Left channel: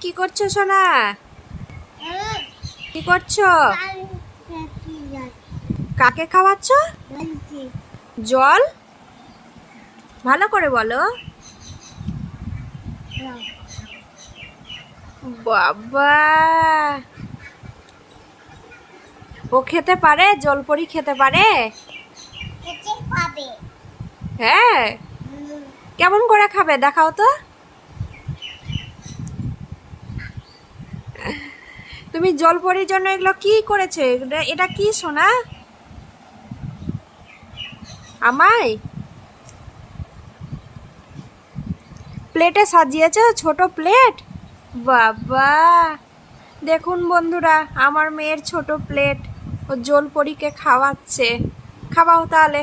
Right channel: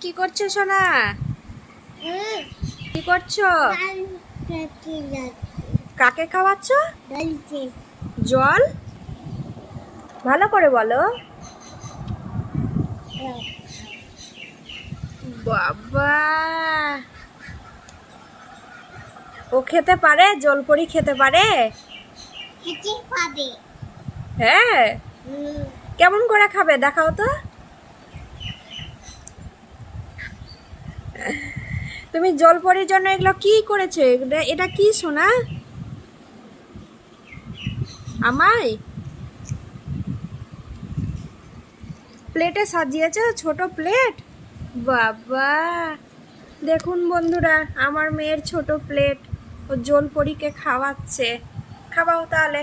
কি করছো সোনা? কি করছো? কাকে খাওয়াচ্ছ? জল? ভালো করে বলো। বাবা, ও খেতে পারে? জলপরি খেতে পারে? হ্যাঁ, কেমন করে খাবে দেখাও তো। তুমি জলপরির জন্য এগুলো কি করেছে? এটা কি সোনা? আমায় প্লেটে সাজিয়েছে, ছোট প্লেট। বাবা, দেখুন বন্ধুরা, আমার মেয়ের ছোট প্লেট ও জলপরীকে খাওয়াচ্ছে। খাওয়াও তাহলে।